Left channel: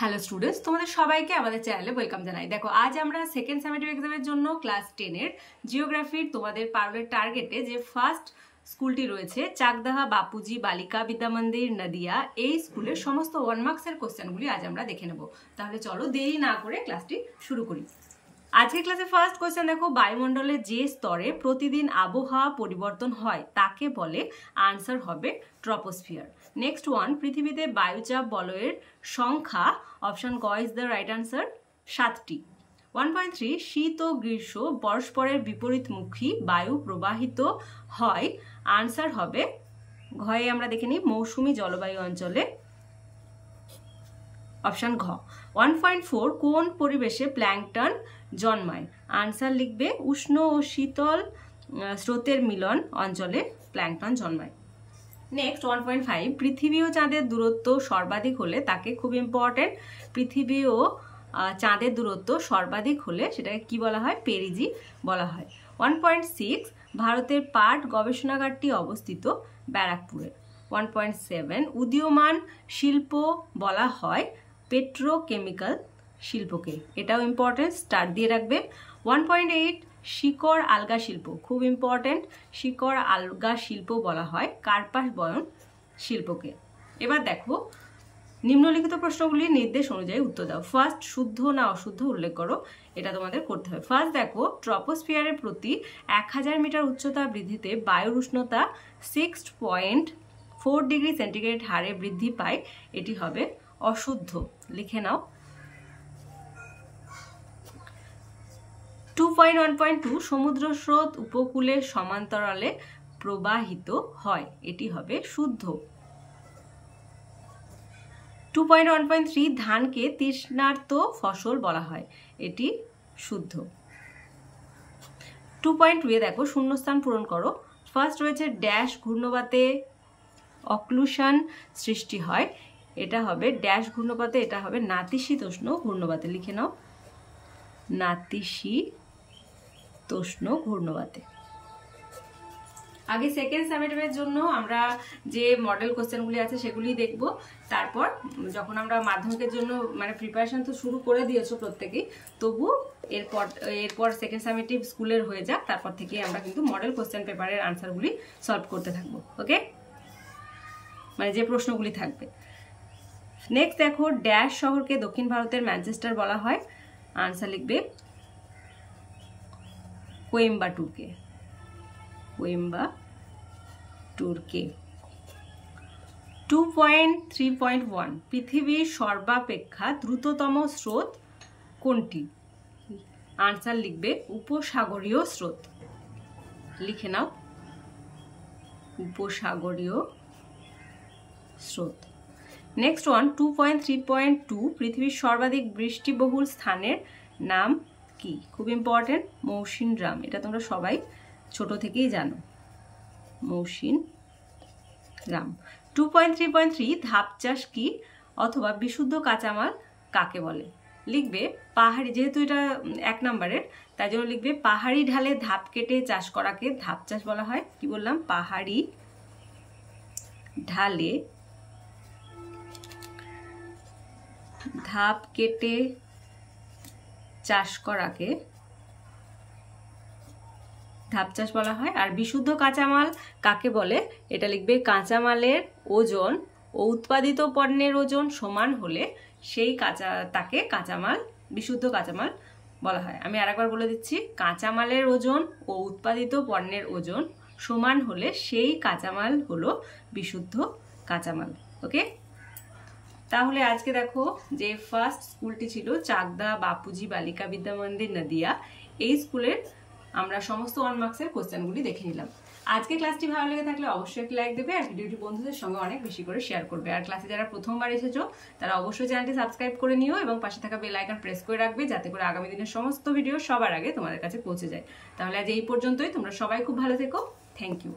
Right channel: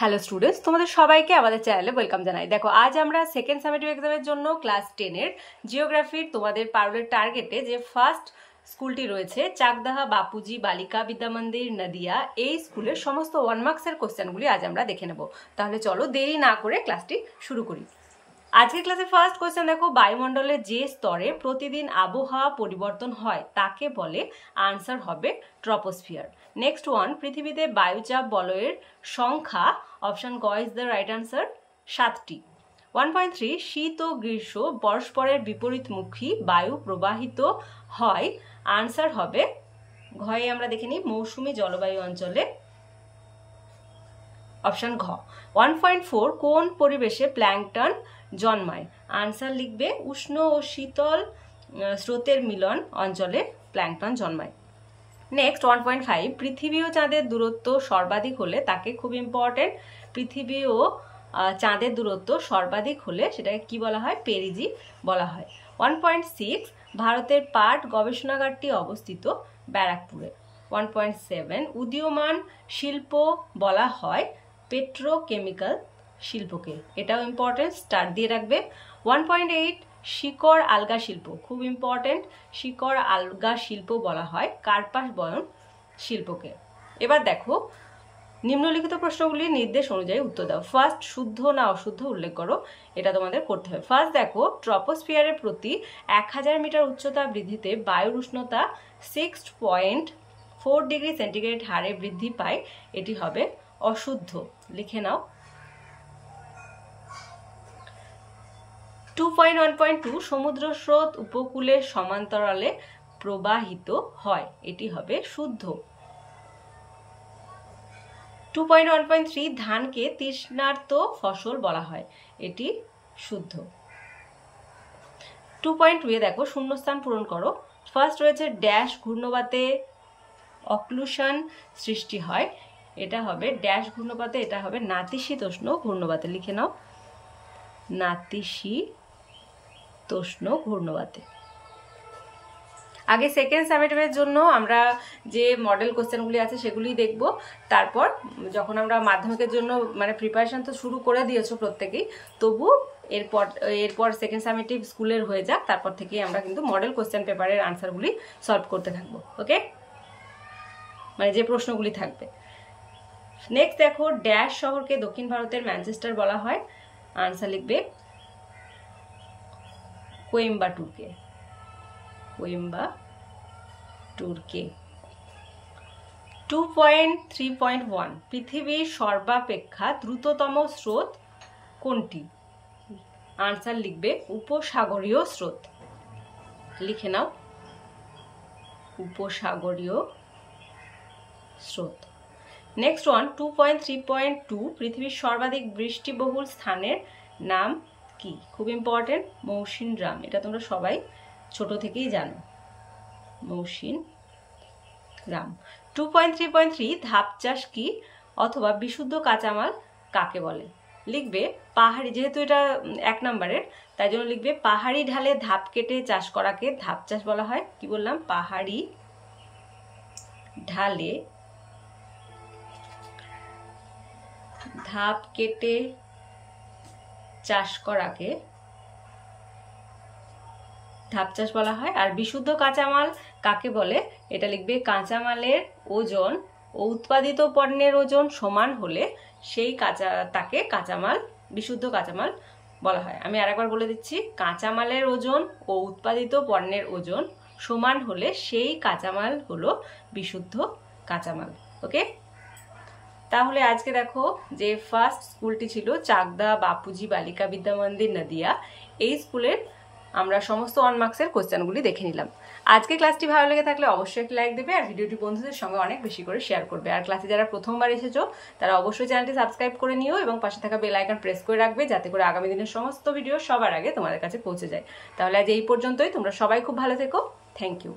Hello students, তোমাদের সবাইকে আমাদের চ্যানেলে ওয়েলকাম জানাই। দেখো, আজ আমরা সেকেন্ড সামেটিভ এক্সামের জন্য ক্লাস 10-এর জিওগ্রাফির তোমাদের পারুলের টার্গেটে যে ফার্স্ট স্কুলটি রয়েছে চাকদাহা বাপুজি বালিকা বিদ্যা মন্দির নদিয়া, এই স্কুলের সমস্ত 1 মার্কসের কোশ্চেনগুলি আজ আমরা দেখে নেব। তাহলে চলো দেরি না করে ক্লাসটি শুরু করি। আজকের ক্লাসে ফার্স্ট কোশ্চেন দেখো, বায়ুমণ্ডলের যে স্তরে প্রতিদিন আবহাওয়া পরিবর্তন হয় তাকে বলে, আনসার হবে ট্রপোস্ফিয়ার। নেক্সট ওয়ান, পৃথিবীতে বায়ুচাপ বলয়ের সংখ্যা, অপশন গ ইজ দ্য রাইট আনসার, 7টি। 1.3, শীত ও গ্রীষ্ম পরস্পরের বিপরীতমুখী বায়ু প্রবাহিত হয়, আনসার হবে ঘয়ে আমরা দেখে নিই মৌসুমী জলবায়ু অঞ্চলে, অপশন ঘ। 1.4, কোন পরিবেশে প্ল্যাঙ্কটন জন্মায়, আনসার লিখবে উষ্ণ ও শীতল স্রোতের মিলন অঞ্চলে প্ল্যাঙ্কটন জন্মায়। নেক্সট 1.5, পৃথিবী ও চাঁদের দূরত্ব সর্বাধিক হলে তাকে, খুব ইম্পর্টেন্ট, পৃথিবী ও চাঁদের দূরত্ব সর্বাধিক হলে সেটাকে কি বলা হয়, পেরিজি বলা হয়। 1.6, ভারতের পাট গবেষণাগারটি অবস্থিত ব্যারাকপুরে। 1.7, উদীয়মান শিল্প বলা হয় পেট্রোকেমিক্যাল শিল্পকে, এটাও ইম্পর্টেন্ট, স্টার দিয়ে রাখবে। 1.8, শিকড় আলগা শিল্প, খুব ইম্পর্টেন্ট, শিকড় আলগা শিল্প বলা হয় কার্পাস বয়ন শিল্পকে। এবার দেখো, নিম্নলিখিত প্রশ্নগুলির নির্দেশ অনুযায়ী উত্তর দাও। ফার্স্ট, শুদ্ধ না অশুদ্ধ উল্লেখ করো, এটা তোমাদের করতে হবে। ফার্স্ট দেখো, ট্রপোস্ফিয়ারের প্রতি 1000 মিটার উচ্চতা বৃদ্ধিতে বায়ুর উষ্ণতা 6.4 ডিগ্রি সেন্টিগ্রেড হারে বৃদ্ধি পায়, এটি হবে অশুদ্ধ, লিখে নাও। 2.1.2, সমুদ্র স্রোত উপকূলের সমান্তরালে প্রবাহিত হয়, এটি হবে শুদ্ধ। 2.1.3, ধানকে তৃষ্ণার্ত ফসল বলা হয়, এটি শুদ্ধ। 2.2 দেখো, শূন্যস্থান পূরণ করো। ফার্স্ট রয়েছে ড্যাশ ঘূর্ণবাতে অক্লুশন সৃষ্টি হয়, এটা হবে ড্যাশ ঘূর্ণবাতে, এটা হবে নাতিশীতোষ্ণ ঘূর্ণবাতে, লিখে নাও নাতিশীতোষ্ণ ঘূর্ণবাতে। আগে সেকেন্ড সামেটিভের জন্য আমরা যে মডেল কোশ্চেনগুলি আছে সেগুলি দেখব, তারপর যখন আমরা মাধ্যমিকের জন্য মানে প্রিপারেশন তো শুরু করে দিয়েছো প্রত্যেকেই, তবু এরপর সেকেন্ড সামেটিভ স্কুলের হয়ে যাক, তারপর থেকে আমরা কিন্তু মডেল কোশ্চেন পেপারের আনসারগুলি সলভ করতে থাকবো, ওকে, মানে যে প্রশ্নগুলি থাকবে। নেক্সট দেখো, ড্যাশ শহরকে দক্ষিণ ভারতের ম্যানচেস্টার বলা হয়, আনসার লিখবে কোয়েম্বাটুরকে, কোয়েম্বাটুরকে। 2.3.1, পৃথিবীর সর্বাপেক্ষা দ্রুততম স্রোত কোনটি, আনসার লিখবে উপসাগরীয় স্রোত, লিখে নাও উপসাগরীয় স্রোত। নেক্সট ওয়ান, 2.3.2, পৃথিবীর সর্বাধিক বৃষ্টিবহুল স্থানের নাম কি, খুব ইম্পর্টেন্ট, মৌসিনরাম, এটা তোমরা সবাই ছোট থেকেই জানো, মৌসিনরাম। 2.3.3, ধাপ চাষ কি অথবা বিশুদ্ধ কাঁচামাল কাকে বলে, লিখবে পাহাড়ি, যেহেতু এটা 1 নম্বরের তাই জন্য লিখবে পাহাড়ি ঢালে ধাপ কেটে চাষ করাকে ধাপ চাষ বলা হয়, কি বললাম, পাহাড়ি ঢালে ধাপ কেটে চাষ করাকে ধাপ চাষ বলা হয়। আর বিশুদ্ধ কাঁচামাল কাকে বলে, এটা লিখবে কাঁচামালের ওজন ও উৎপাদিত পণ্যের ওজন সমান হলে সেই তাকে কাঁচামাল, বিশুদ্ধ কাঁচামাল বলা হয়। আমি আরেকবার বলে দিচ্ছি, কাঁচামালের ওজন ও উৎপাদিত পণ্যের ওজন সমান হলে সেই কাঁচামাল হলো বিশুদ্ধ কাঁচামাল, ওকে। তাহলে আজকে দেখো, যে ফার্স্ট স্কুলটি ছিল চাকদা বাপুজি বালিকা বিদ্যা মন্দির নদিয়া, এই স্কুলের আমরা সমস্ত 1 মার্কসের কোশ্চেনগুলি দেখে নিলাম। আজকে ক্লাসটি ভালো লেগে থাকলে অবশ্যই একটি লাইক দেবে আর ভিডিওটি বন্ধুদের সঙ্গে অনেক বেশি করে শেয়ার করবে। আর ক্লাসে যারা প্রথমবার এসেছো তারা অবশ্যই চ্যানেলটি সাবস্ক্রাইব করে নিও এবং পাশে থাকা বেল আইকন প্রেস করে রাখবে, যাতে করে আগামী দিনের সমস্ত ভিডিও সবার আগে তোমাদের কাছে পৌঁছে যায়। তাহলে আজ এই পর্যন্তই, তোমরা সবাই খুব ভালো থেকো, থ্যাংক ইউ।